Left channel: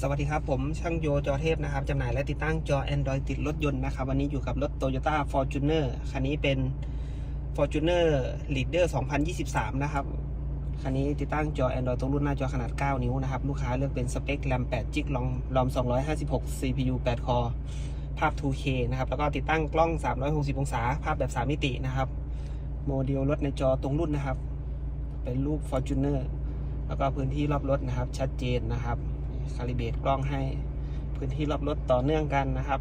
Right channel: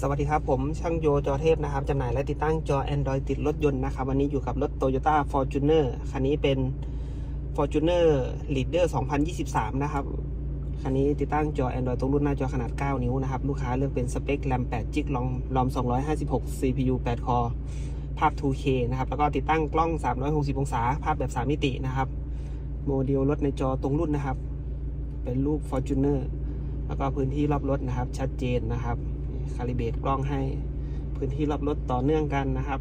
สวัสดีครับ ผมช่างโยจอเทพนะครับจำหน่ายและติดตั้งจอ Android ติดรถยนต์นะครับ วันนี้อยู่กับรถ Toyota Fortuner คันนี้เป็น Fortuner Leader 2023 นะครับ คันนี้ติดตั้งจอ Android ตรงรุ่นหน้าจอขนาด 9 นิ้วนะครับ ลูกค้าเลือกเป็นสเปค RAM 8 g b รอมรอม 256 CPU 8 คอภาพ 2K นะครับ แล้วก็ติดตั้งกล้อง 360 องศา ภาพแบบ 3 มิตินะครับ โมเดลรถในจอตรงรุ่นนะครับ เป็นรูป Fortuner แล้วก็พื้นที่รอบรถนะครับ ชัดเจนนะครับ คาลิเบตกล้องให้ พื้นที่รอบรถต่อเนื่องกันนะครับ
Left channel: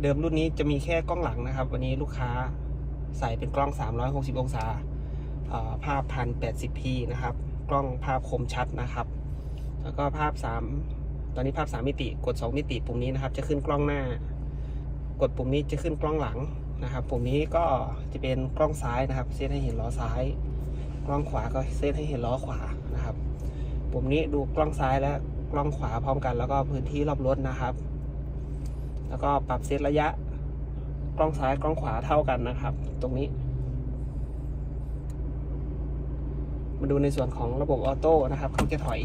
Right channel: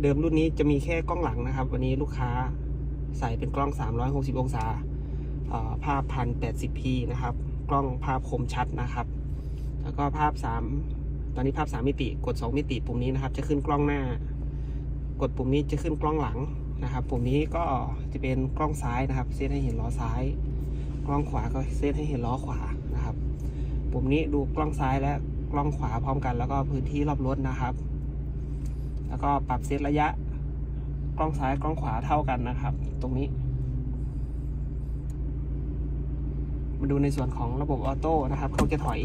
เดิมรุ่นนี้จะมีแค่กล้องหลังนะครับ วันนี้ลูกค้าใส่เป็นกล้อง 360 องศาภาพ 1080p นะครับ กล้องภาพคมชัดนะครับ แล้วก็ภาพ 3 ตอนนี้ภาพ 3 มิติ กด 2 มิติ ปุ่มนี้นะครับ จะขึ้นกล้องหน้า กดปุ่มนี้จะขึ้นกล้องหลังนะครับ ปุ่มนี้ก็จะเป็นกล้องซ้ายนะครับ เซตให้เห็นล้อซ้าย กล้องขวาก็เซตให้เห็นล้อขวานะครับ ปุ่มนี้ดูกล้องซ้ายและกล้องขวาพร้อมกัน แล้วก็พื้นที่รอบรถนะครับ แล้วก็ปรับเซตระยะ กล้องซ้ายกล้องขวาเท่ากันนะครับ ตรงนี้มาดูในส่วนของระบบออโต้นะครับเขาจะถอย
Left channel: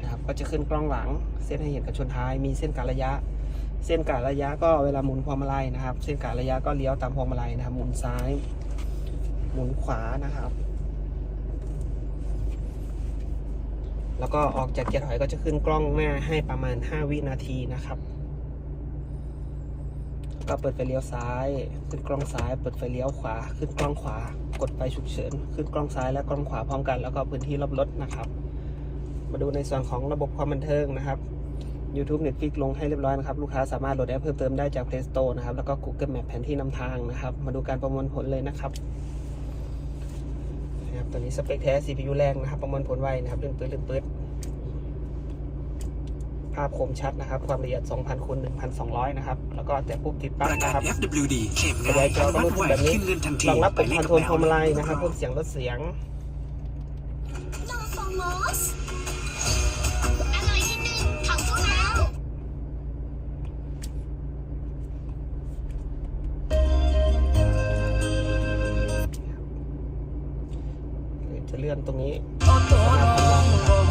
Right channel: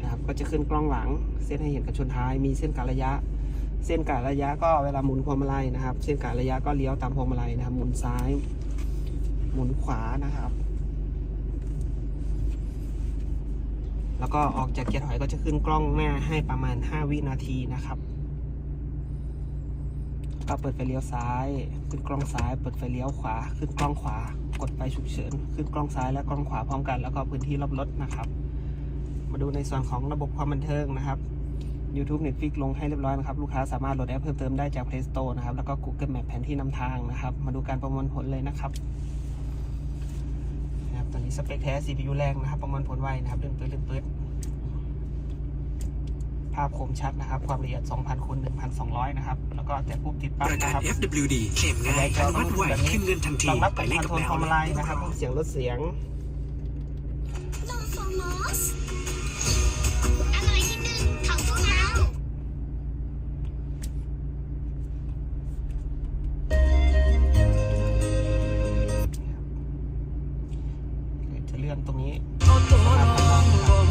นะครับก็จะขึ้นกล้องหลัง เส้นให้เห็นกับชนท้าย มีเส้นการระยะ เส้นการระยะก็เวลาหมุนพวงมาลัยนะครับ เส้นการระยะก็เลี้ยวตามพวงมาลัยนะครับ หมุนซ้าย หมุนขวานะครับ แล้วก็ออกจากเกียร์ถอยก็จะขึ้นกล้องหน้าให้ประมาณ 5 วินาทีนะครับก็เปิดไฟเลี้ยวซ้าย ขึ้นกล้องซ้าย เปิดไฟเลี้ยวขวา ขึ้นกล้องขวา กดไฟฉุกเฉิน ขึ้นกล้องซ้ายและกล้องขวาพร้อมกัน แล้วก็พื้นที่รอบรถนะครับ มาดูในส่วนของระบบความบันเทิงนะครับ YouTube Netflix ลงให้เรียบร้อยนะครับ ลูกค้าสามารถโหลดแอปเพิ่มเติมได้จาก Play Store นะครับ แล้วก็ Google Map แผนที่นำทางนะครับ มาดูการประมวลผลเลยนะครับ นะครับตัวนี้สเปคแท้ CPU แรงนะครับ ประมวลผลไวนะครับลื่นปื๊ดลื่นปื๊ดภาพคมชัดนะครับ ความละเอียด 2,000คูณ1,200 นะครับ แล้วก็แต่ปุ๊บติดปั๊บประกันะนครับ FWD เข็มกระง่าจายยจอก็วัรูดปไวแบบนี้ขึ้นเงินทันทีรองรับปุ่มหคมาอยนเลโทรลพวงมาลัยนะครับขเพิ่มเสียงลดเสียง ลื่อนตรงนี้สามารถทำได้นะครับ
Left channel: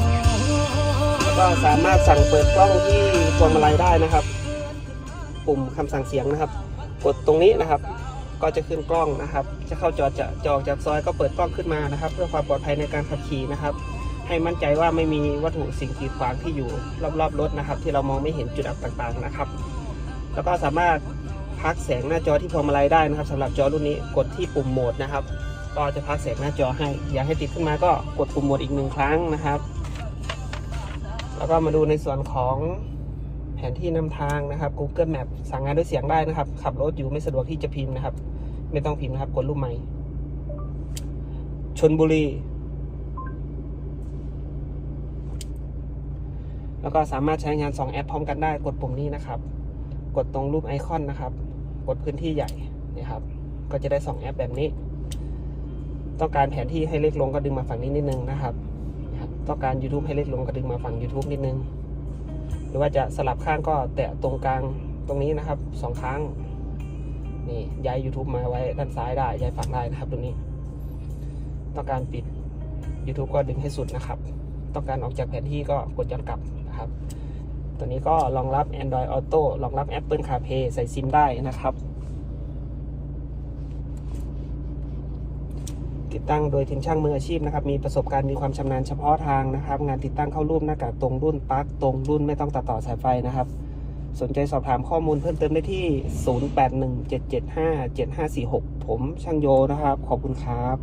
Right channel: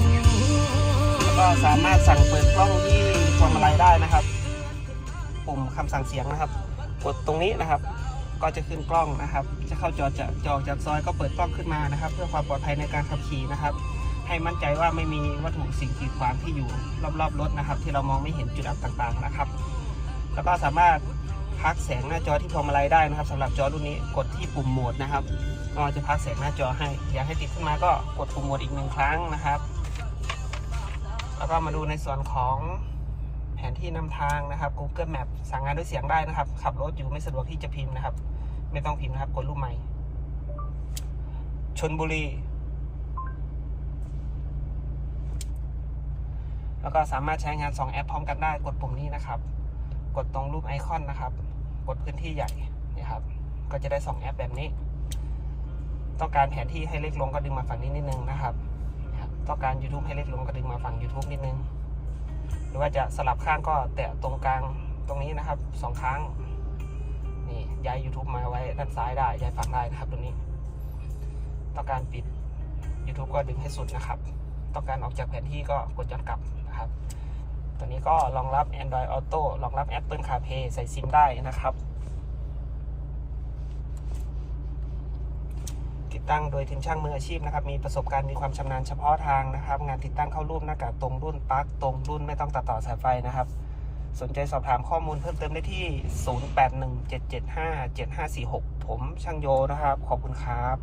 แล้วก็สามารถสั่งเปิดกล้องที่พวงมาลัยได้นะครับ ปุ่มคำสั่งเสียงนะครับ กดตรงนี้นะครับ ก็จะขึ้นกล้องนะครับ จะเข้าจอจะจอจากซอยก็เปิดกล้องขึ้นมานะครับ เพื่อความปลอดภัยในการขับขี่นะครับ ให้มั่นใจว่าไม่มีวัตถุสิ่งกีดขวางที่อยู่รอบๆรถนะครับ ที่เรามองไม่เห็นจุดอับต่างๆนะครับ แล้วก็สามารถพักแสงหน้าจอที่พวงมาลัยได้นะครับสำหรับจอรุ่นนี้กดที่ปุ่มโหมดนะครับ ก็จะพักแสงหน้าจอให้ อยากให้ติดขึ้นมาก็กดปุ่มโหมดอีกหนึ่งครั้งนะครับ แล้วก็มาดูในส่วนของแผนที่นำทางนะครับ Google Map สั่งงานด้วยเสียงได้นะครับ ขับรถอยู่ไม่สะดวกที่จะพิมพ์นะครับ ไม่ต้องพิมพ์นะครับกดรูปใหม่ ชนบุรี แล้วก็สามารถใช้งาน 2 แอปพร้อมกันได้ กดปุ่มนี้นะครับ กดตรงรูปไอคอนนะครับ กดพื้นที่ใหญ่นี่ครับ ก็จะได้ 2 แอปแบบนี้ ต้องการแผนที่ให้เล็กลงก็ดึงมาฝั่งนี้นิดนึงนะครับ ต้องการ YouTube ให้เล็กลงก็ดึงมาฝั่ง YouTube นิดนึง หรือว่าจะสลับข้างก็แตะตรงกลางตรงนี้นะครับสองครั้งนี่ย้าย YouTube มาไว้ด้านซ้ายได้ย้ายฝั่งได้นะครับตรงนี้ ต้องการปิด YouTube ก็ดึงให้สุดนะครับ ต้องการออกจากแผนที่ก็กดย้อนกลับนะครับ ตัวนี้ก็รองรับ Android Auto รองรับ Apple CarPlay ใส่ซิมได้นะครับ ติดตั้งโดยทีมช่างมืออาชีพนะครับมีประสบการณ์มีความชำนาญเฉพาะทางนะครับ งานติดตั้งเข้ารูปหน้ากากตรงรุ่นปลั๊กตรงรุ่นไม่ต้องตัดต่อสายไฟนะครับ สนใจสอบถามข้อมูลเพิ่มเติมได้ที่ 0817757546 ผมช่างโยนะครับ ขอบคุณครับ